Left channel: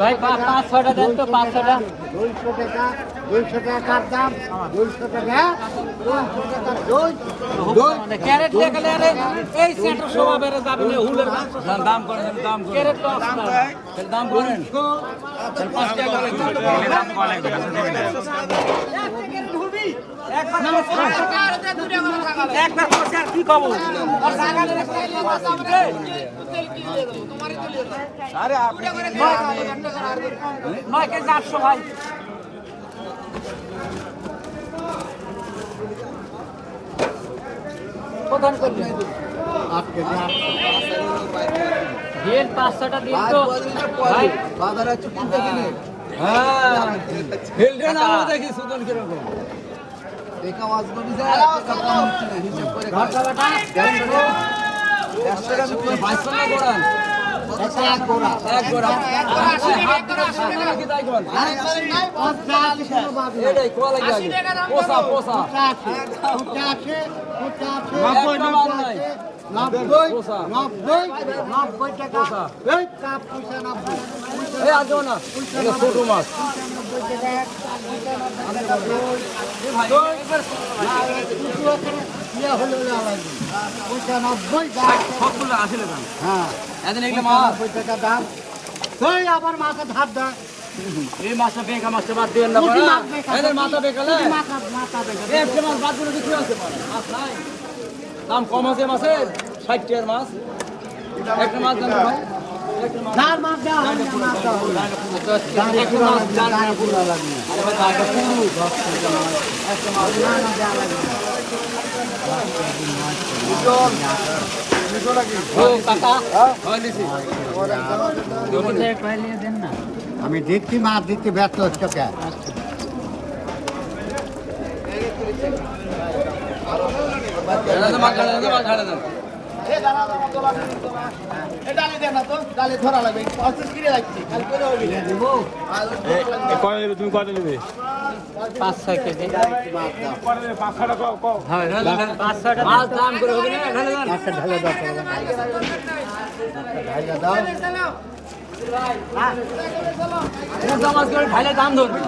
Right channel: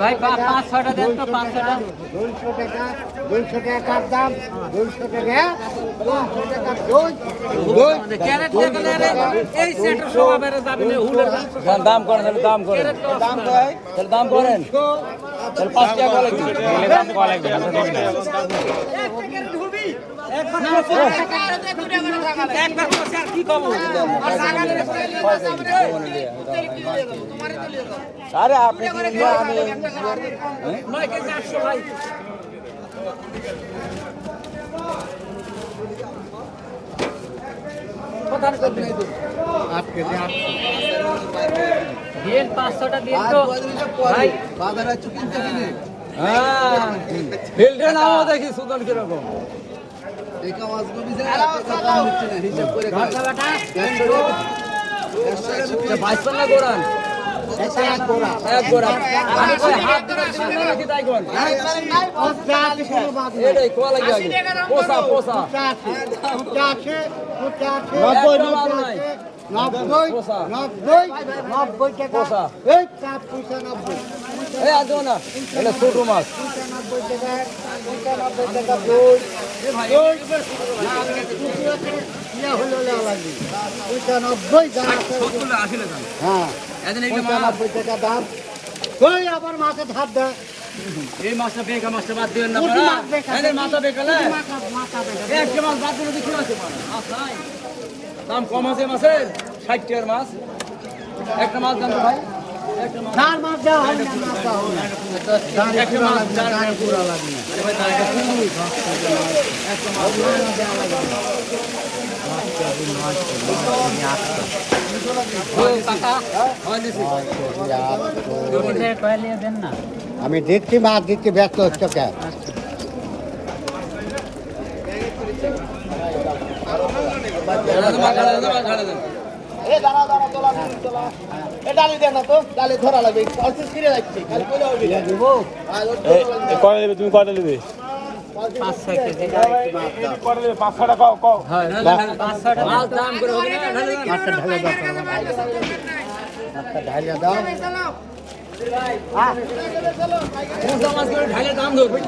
ভাই 500 টাকা 500 টাকা 200 টাকার দাম 200 টাকা 200 টাকা ক্যারেট এই সেন্টার সবাই বেড়ে যাবে দাম করেন দাম করেন দাম করেন 5 টাকা বলে কি কব আরে আপনি 9 কেজি 800 ভাই কোথায় করবেন 8 কেজি দিন 500 টা দিন তো ভাই বাজারে কিনতে কিনে হ্যাঁ ফিল্ডে নামও দেখি সুদন কি রকম একা ওয়াজ করি যে টাকা কম হচ্ছে না হিসাব করে বাটা 100 টাকা 52 না গোরান এক গোড়া এক গোরা আমি কই হাত দিতে দিবেন নাকি তাই কোন এটাই কোয়া লাগে পোসা পোসা 90 টাকা এই কাপ পয়সা 90 এ আজ না এটা ছোট মাছ 90 টাকা এ ভাই ইয়া হলো লাগবে 95 দাম সবগুলো আসলে দাম হ্যাঁ এদিন এগুলো মাছ 90 টাকা দাম ওই আবার মাছে ধার দাও এই মাছটা বেকা মাছটা বাদ দিবেন না বড়া এদের মাথা বেকালে একটা মাছ বাদ দিলে কি আছে মাছ নাই দাম কম আছে মাছের 60 টাকার মাছ একটা মাছ দাম ভাই ধার মাছ দাও মাছ দাও একটা মাছ চার টাকা পুরো লাগবে আরে ভাই জায়গা পুরো একটা মাছ না লাগবে ও কাকা হয় দেন না আমি দিচ্ছি মাছ দিচ্ছি ব্যস্ত হচ্ছে কে তুমি কয়টা নেবে 5-6 কেজি 500 টাকা কও হ্যাঁ 500 টাকা মাছ দাম করে হবে না ঢালে দাও ভাই এটা জামাত করে ঢালে দাম ধরবে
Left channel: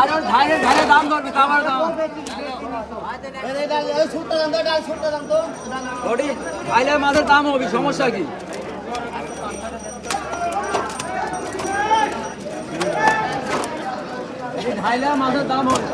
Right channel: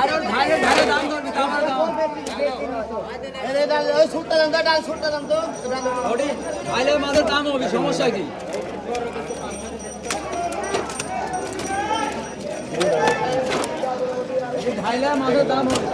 আর ঢালে ঢালে দাম ধরবে তারপর দাম এই ডাল ওই ছুটতে দাম তো ওডি ঢালে মাছের দাম হবে সমস্যা কি ঢালে মাছের দাম হবে